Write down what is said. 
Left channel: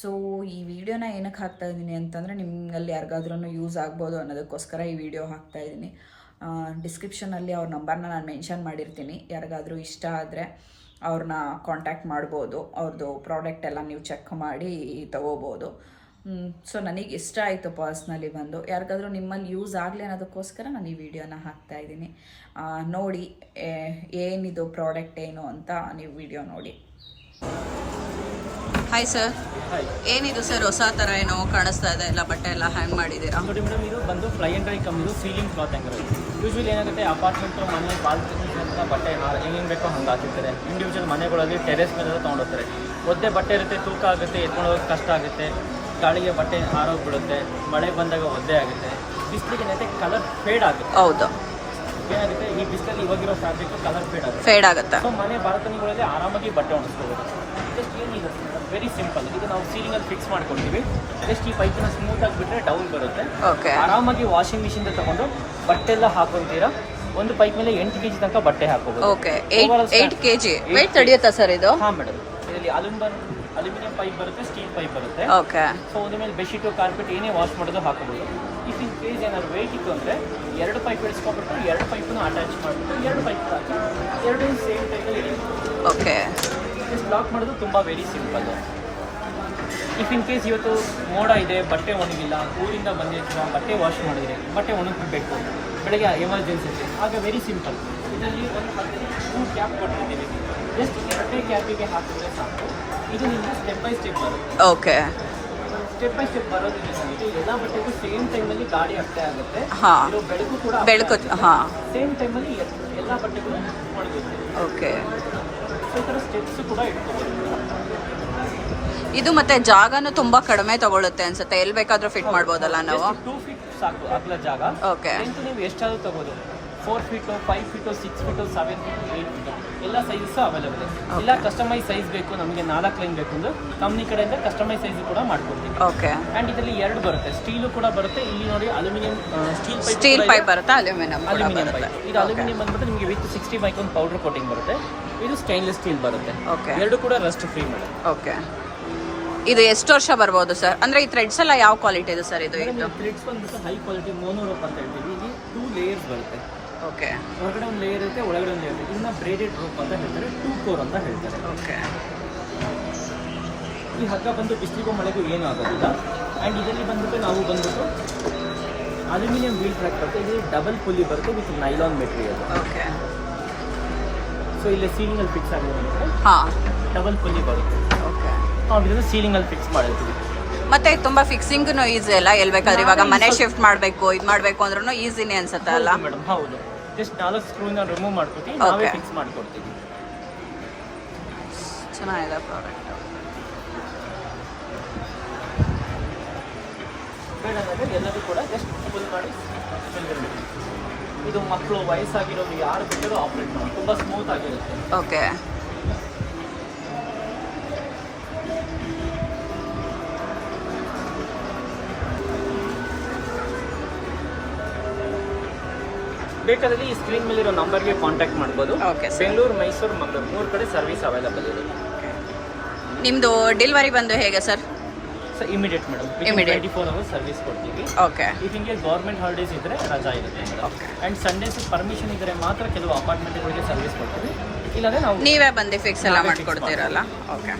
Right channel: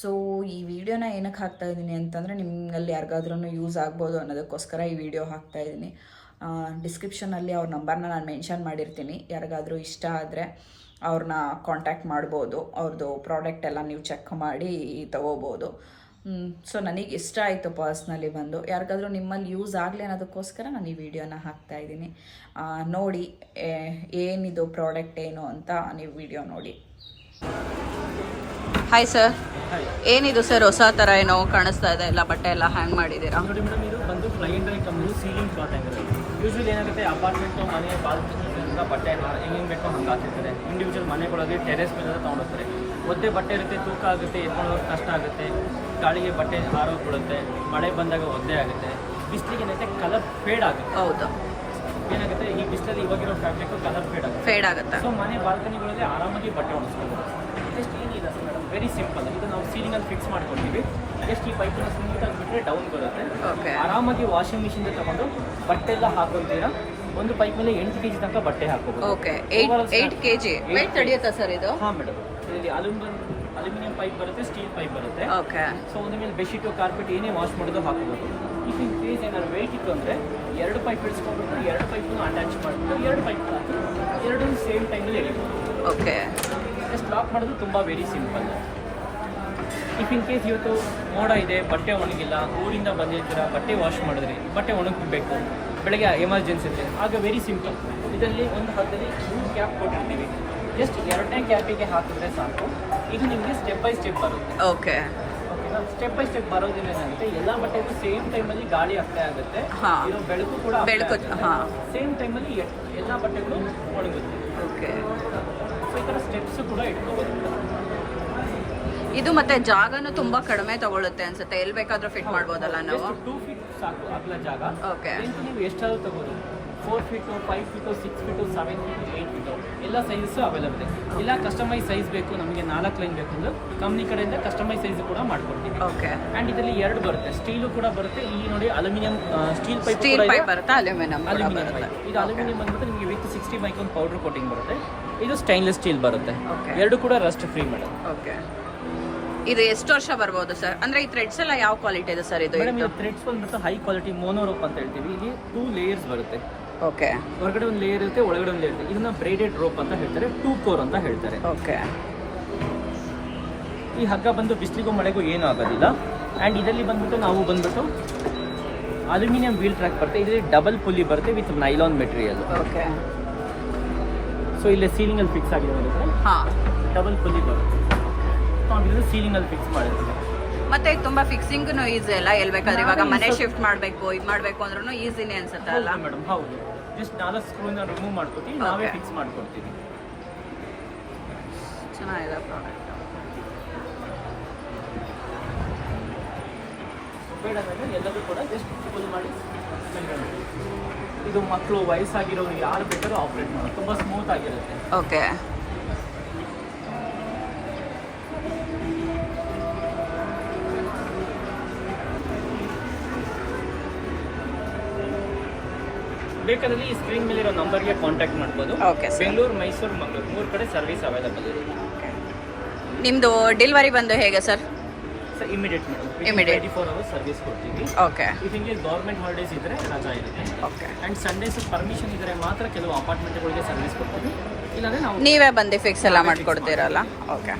So ಈ ವಿಡಿಯೋನ ಏನಕ್ಕೆ ಹಾಕ್ತಾ ಇದ್ದೀನಿ ಅಂತಂದರೆ ನಿಮ್ಮಲ್ಲಿ ಯಾರಿಗಾದ್ರೂ ಯೂಸ್ ಆಗ್ಬೋದು ಅನ್ನೋದಕ್ಕೋಸ್ಕರ ಈ ವಿಡಿಯೋ ಹಾಕ್ತಾ ಇದ್ದೀನಿ. ಡಿಸ್ಕ್ರಿಪ್ಷನಲ್ಲಿ ಅವ್ರ ನಂಬರ್ನ ನಾನು ಮೆನ್ಷನ್ ಮಾಡಿರ್ತೀನಿ. ಯಾರಿಗಾದರೂ ಇಷ್ಟ ಆದರೆ ಅವ್ರನ್ನ ಕಾಂಟ್ಯಾಕ್ಟ್ ಮಾಡ್ಬೋದು. ಅವ್ರದ್ದು ಪ್ರಾಡಕ್ಟ್ ಎಲ್ಲ ನೀವು ಚೆಕ್ ಮಾಡಿ ತೊಗೋಬೋದು. ಸೊ ನನಗೆ ಇಷ್ಟ ಆಯಿತು ಪರ್ಸ್ನಲಿ ಬಂದು. ಯಾರಿಗಾದ್ರೂ ನಿಮ್ಮಲ್ಲಿ ಯೂಸ್ ಆಗಲಿ ಅನ್ನೋದಕ್ಕೋಸ್ಕರ ನಾನು ಈ ವಿಡಿಯೋನ ಹಾಕ್ತಾಯಿದ್ದೀನಿ. ನೋಡಿ ಏನಿದು ಪ್ರಾಡಕ್ಟ್ ಏನು ಅಂತ ನೀವು ವಿಡಿಯೋ ನೋಡಿ. ಹಾಯ್ ಸರ್, ಏನಿದು ಸರ್ ಹೊಸ ಥರ ಏನೋ ಕಾಣಿಸ್ತಾ ಇದೆ, ಎಲ್ಲ ಬಟ್ಟೆ ಎಲ್ಲ ಹ್ಯಾಂಗ್ ಮಾಡಿದ್ದೀರಾ? ನೋಡಿ ಮೇಡಮ್, ಇದು ಬಂದು fly and dry company ceiling cloth hanger. Usually ಏನಾಗುತ್ತೆ, ಅಪಾರ್ಟ್ಮೆಂಟು ಮನೆ ಬಾಲ್ಕನಿ ಬಟ್ಟೆ ಏನೇನು ಬೇಕೋ ಹಂಗೆ ಹಾಕಿರ್ತಾರೆ. ಇಂಡಿವಿಜುವಲ್ ಮನೆಗಳಲ್ಲಿ ಟೆರೆಸ್ ಮೇಲೆ ತೊಗೊಂಡೋಗ್ತಾರೆ. ಒದ್ದೆ ಬಟ್ಟೆ ಇರುತ್ತೆ, ತೂಕ ಆಗುತ್ತೆ, ಎತ್ಕೊಂಡು ಹೋಗೋದು ಕಷ್ಟ ಆಗುತ್ತೆ, ಗಾಳಿಗೆ ಬಟ್ಟೆ ಹಾರೋಗ್ಬಿಡುತ್ತೆ, ಮಳೆ ಬಂದಾಗ ಒದ್ದೆ ಆಗುತ್ತೆ, ಬಿಸಿಲಿಗೆ ಏನೈತೆ ಕಲರ್ ಫೇಡ್ ಆಗುತ್ತೆ. ಹೌದು, ಏನಾಗುತ್ತೆ, ಈ ಬಿಸಿಲಲ್ಲಿ ಇವಾಗಿರೋ ಫ್ಯಾಬ್ರಿಕ್ ಕಲರ್ ಫೇಡ್ ಆಗುತ್ತೆ. ಸೊ ಮನೆ ಬಾಲ್ಕನಿಗಳಲ್ಲಿ ಆರಾಮಾಗಿ ಬಟ್ಟೆ ಒಣಗಿಸ್ಕೋಬೋದು. ಜಸ್ಟ್ ಏನಿದೆ ಮೇಡಮ್, ವೆರಿ ಸಿಂಪಲ್. ಇದು ನಾವು ಸೀಲಿಂಗಲ್ಲಿ ಫಿಕ್ಸ್ ಮಾಡ್ಕೊಂಡಿದ್ದೀವಿ. ಜಸ್ಟ್ ಈ ಪೈಪನ್ನ ಸ್ಮೂತ್ ಆಗಿಬಿಟ್ರೆ ಡೌನ್ ಬರುತ್ತೆ. ಓಕೆ, ಆರಾಮಾಗಿ ವಾಷಿಂಗ್ ಮಿಷಿನ್ ತಗೊಂಡು ಬಟ್ಟೆ ಎಲ್ಲ ಹಾಕೊತೀರಾ. ಒಂದು ಪೈಪ್ ಮೇಲೆ 8 kg ತನಕ ಬಟ್ಟೆ ಹಾಕೋಬಹುದು. ಓಕೆ, 8 kg ವೆಯ್ಟ್ ತಡೆಯುತ್ತಾ ಸರ್ ಇದು? ಹಾಂ ಮೇಡಮ್, ಇದರಲ್ಲಿ ಅಲ್ಯೂಮಿನಿಯಂ ಪೈಪ್ ಬರುತ್ತೆ, ಸ್ಟೀಲ್ ಪೈಪ್ ಬರುತ್ತೆ. ಓಕೆ, ಸೊ ಒಂದ್ರ ಮೇಲೆ ಬೆಡ್ಶೀಟು ಕಾರ್ಪೆಟ್ ಏನೇ ವಾಶ್ ಮಾಡೋದು ಹಾಕೋಬಹುದು. ಇಫ್ ಇನ್ ಕೇಸ್ ಏನಾದ್ರು ವೇಟ್ ಇತ್ತು ಅಂದರೆ 2 ಪೈಪ್ ಇಳಿಸ್ಕೊಂಡ್ಬಿಟ್ಟು 2 ಪೈಪನ್ನು ಅಟ್ಯಾಚ್ ಮಾಡಿಬಿಟ್ಟು 2 ಪೈಪ್ ಹಾಕಿ 2 ಸೇಮ್ ಟೈಮಲ್ಲಿ ಎಳಿಬೋದು. ಓಕೆ, ಜಸ್ಟ್ ಲಾಕ್ ಮಾಡೋದು ತುಂಬ very simple. If in case ಇವತ್ತು ಮೋಡ ಇದೆ, ಬಟ್ಟೆ ಒಣಗಿಲ್ಲ, ಊರಿಂದ ಬಂದಿರ್ತೀರ, ಬಟ್ಟೆ ವಾಶ್ ಮಾಡಿದ್ರಿ, ಬಟ್ಟೆ ಒಣಗಬೇಕು, ಬೆಳಗ್ಗೆ ಎಮರ್ಜೆನ್ಸಿ ಇದೆ, ಆಗ ವೆರಿ ಸಿಂಪಲ್. ಇದರಲ್ಲಿ ಒಂದು ಹಾಕಿದ್ರೆ 3 ಕ್ಯಾಪ್ ಕೊಟ್ಟಿರ್ತೀವಿ. ಜಸ್ಟ್ 2ನೇ ಕ್ಯಾಪಿಗೆ ಹಾಕಿದ್ರೆ ಸಾಕು. ಇದು ನಿಮಗೆ ಸ್ಟೆಪ್ ಬೈ ಸ್ಟೆಪ್ ಬರುತ್ತೆ. ಓಕೆ, ಸ್ಟೆಪ್ ಬೈ ಸ್ಟೆಪ್ ಬರೋದ್ರಿಂದ ಏನಾಗುತ್ತೆ, ಎಲ್ಲ ಬಟ್ಟೆಗೂ ಸೇಮ್ ಟೈಮಲ್ಲಿ ಗಾಳಿ ಆಗ್ತಾ ಆಗುತ್ತೆ. ಇರೋ ಬೆಳಕು ಕೂಡ ಸೇಮ್ ಟೈಮಲ್ಲಿ ಎಲ್ಲ ಬಟ್ಟೆಗಳು ಒಣಗುತ್ತೆ. ಓಕೆ, ಸೊ ಈ ಥರ ಸ್ಟೆಪ್ಸ್ ಕೂಡ ಇಟ್ಕೋಬೋದು. ಇದು ಮತ್ತೆ ಜಾಗನೂ ತುಂಬಾ ಕಡಿಮೆ ತಗೊಳುತ್ತೆ ಅನ್ಸುತ್ತೆ. ಎಲ್ಲಿ ಬೇಕಾದ್ರೂ ಫಿಟ್ ಮಾಡ್ಬೋದಲ್ಲ ನಾವು? 2 feet ಸಾಕು ಅಗಲ ಜಾಗ. ಓಕೆ, ನೀವು ಎಷ್ಟಾದ್ರೂ ತಗೋಬೋದು. 4 feet, 5 feet, 6 feet, 7 feet, 8 feet ಎಲ್ಲ ಸೈಜಸ್ ಅವೈಲಬಲ್. ಇಲ್ಲ ಕಸ್ಟಮೈಸ್ ಸೈಜ್ ಬೇಕು, ನಮಗೆ 4 ಲೈನ್ ಬೇಕು ಅಂದ್ರೆ ಕಂಪ್ನಿ ಕಡೆಯಿಂದ ಕಸ್ಟಮೈಸ್ ಸೈಜ್ ಕೂಡ ಮಾಡ್ಕೊಡ್ತೀವಿ. ಓಕೆ, ಆ್ಯಂಡ್ ಇದರಲ್ಲಿ 2 ಬರುತ್ತೆ, ಸ್ಟೀಲು ಕೂಡ ಬರುತ್ತೆ. ಇಲ್ಲಿ ನೋಡಿ ಅಲ್ಯೂಮಿನಿಯಂ ಸ್ಟೀಲ್ ಪೈಪ್ ಬರುತ್ತೆ, ಅಲ್ಯೂಮಿನಿಯಂ ಕೂಡ ಬರುತ್ತೆ. ಇದು ಅಲ್ಯೂಮಿನಿಯಂ ಬಂದ್ಬಿಟ್ಟು ನಿಮಗೆ ವಿತ್ 60 ಮೈಕ್ರಾನ್ ಪೌಡರ್ ಕೋಟಿಂಗ್ ಬರುತ್ತೆ. ಇದು ಸ್ಟೈನ್ಲೆಸ್ ಸ್ಟೀಲ್ ಬರುತ್ತೆ. ಓಕೆ, 2 ಕೂಡ ರಸ್ಟ್ ಫ್ರೀ. ಓಕೆ, ಇದು ಎಷ್ಟು ವರ್ಷ ಬರ್ಬೋದು ಸರ್? ಅಂದ್ರೆ ಈ ಥ್ರೆಡ್ಸ್ ಎಲ್ಲ ಯಾವ ಕ್ವಾಲಿಟಿ ಇದೆ ಸರ್? ಇದು ಥ್ರೆಡ್ಸ್ ಬಂದ್ಬಿಟ್ಟು ಹೈ ಕ್ವಾಲಿಟಿ ಮೋನೋರೋಪ್ ಅಂತ ಹೇಳ್ತೀವಿ. ಇಲ್ಲಿ 2 ಲೇಯರ್ಸ್ ಬರುತ್ತೆ. ಓಕೆ, ಹೊರಗಡೆ ಒಂದು ಲೇಯರ್ ಇರುತ್ತೆ, ಒಳಗಡೆ ಒಂದು ಲೇಯರ್ ಇರುತ್ತೆ. ಇದನ್ನ ಬ್ರೇಡೆಡ್ ರೋಪ್ ಅಂತ ಹೇಳ್ತಾರೆ, 2 ಕೋರ್ ಅಂತ ಹೇಳ್ತಾರೆ. ಓಕೆ, ಈ ಹಗ್ಗ ಬಂದು ಬಿಸಿಲಿಗೂ ಮಳೆಗೂ ಏನೂ ಆಗೋದಿಲ್ಲ. ಆ್ಯಂಡ್ ಇದರಲ್ಲಿ ಬಂದ್ಬಿಟ್ಟು ನಾವು ಬಂದ್ಬಿಟ್ಟು ಅಲ್ಯೂಮಿನಿಯಂ ವೀಲ್ ಟ್ರ್ಯಾಕ್ ಬರುತ್ತೆ. ಇದರಲ್ಲಿ ಡಬಲ್ ಪುಲಿ ಬರುತ್ತೆ with nylon material. Okay, so ಇಲ್ಲಿ ಸೀಲಿಂಗಲ್ಲಿ ಫಿಕ್ಸ್ ಆಗಿರುತ್ತೆ. ಹಾಂ, ಡಬಲ್ ಪುಲಿ ಬರುತ್ತೆ. ಓಕೆ, ನಾವು ಇದು ಸೀಲಿಂಗಲ್ಲಿ ಫಿಕ್ಸ್ ಮಾಡಿರ್ತೀವಿ. ಮತ್ತೆ ತುಂಬ ಫಿಕ್ಸಿಂಗ್ನು ಈಸಿ ಅಲ್ಲ? ಎಲ್ಲಿ ಬೇಕಾದ್ರೆ ಇವಾಗ ಮನೆ ಶಿಫ್ಟ್ ಮಾಡಬೇಕು, ಇದು ಮಾಡಬೇಕು ಅಂದ್ರೂ ಈಸಿನೇ ಅನ್ಸುತ್ತೆ ಅಲ್ಲ ಮೇಡಮ್? ಹೌದು, ಜಸ್ಟ್ 4 ಸ್ಕ್ರೂನ ರಿಮೂವ್ ಮಾಡ್ಕೊತೀವಿ, ನಾವೇ ಫಿಕ್ಸ್ ಮಾಡ್ಕೊಡ್ತೀವಿ. ಚೆನ್ನಾಗಿದೆ ಪ್ರಾಡಕ್ಟ್. ಎಲ್ಲದೂ ಕೂಡ ಜಸ್ಟ್ ಫುಲ್ ಮಾಡಿ. ಇದು ಮಕ್ಕಳು, ವಯಸ್ಸಾಗಿರೋರು ಯಾರು ಬೇಕಾದ್ರೂ ಆಪ್ರೇಟ್ ಮಾಡಿ, ತುಂಬ ಸ್ಮೂತ್ ಆಗಿರುತ್ತೆ. ಓಕೆ, ಬೇಕಾದಲ್ಲಿ ಈ ಸ್ಕ್ರೀನ್ ಮೇಲೆ ಇರೋ ನಂಬರ್ಗೆ ಕಾಂಟ್ಯಾಕ್ಟ್ ಮಾಡ್ಬೋದು. Okay sir. ಬೆಂಗಳೂರು, ಮೈಸೂರು, ಮಂಗಳೂರು 3 ಕಡೆ ಸರ್ವಿಸ್ ಅವೈಲಬಲ್ ಇದೆ. ನಿಮ್ಮದು ಡೆಲಿವರಿ ಬಂದು ಹೇಗೆ ಸರ್? ಸೊ ಇಮಿಡಿಯೇಟ್ ಮೇಡಮ್, 24 ಅವರ್ಸ್ ಸರ್ವಿಸ್ ಕೊಡ್ತೀವಿ. ಓಕೆ, ಇದಕ್ಕೆ ಗೌರ್ಮೆಂಟ್ ಹಾಲಿಡೇಸ್ ಇದ್ದರೆ ರಜಾ ಇರುತ್ತೆ. ಓಕೆ, ಆ್ಯಂಡ್ ಸಂಡೇಸ್ ಪರ್ಮಿಷನ್ ಇದ್ದರೆ ಮಾತ್ರ ಕೆಲವು ಅಪಾರ್ಟ್ಮೆಂಟ್ಗಳಿಗೆ ಸರ್ವಿಸ್ ಕೊಡ್ತೀವಿ. ಇಲ್ಲಾಂದರೆ ನಾವು ನೀವೇ ಬಂದು ಫಿಕ್ಸ್ ಎಲ್ಲ ಮಾಡಿಕೊಡ್ತೀರಲ್ಲ? ಓಕೆ.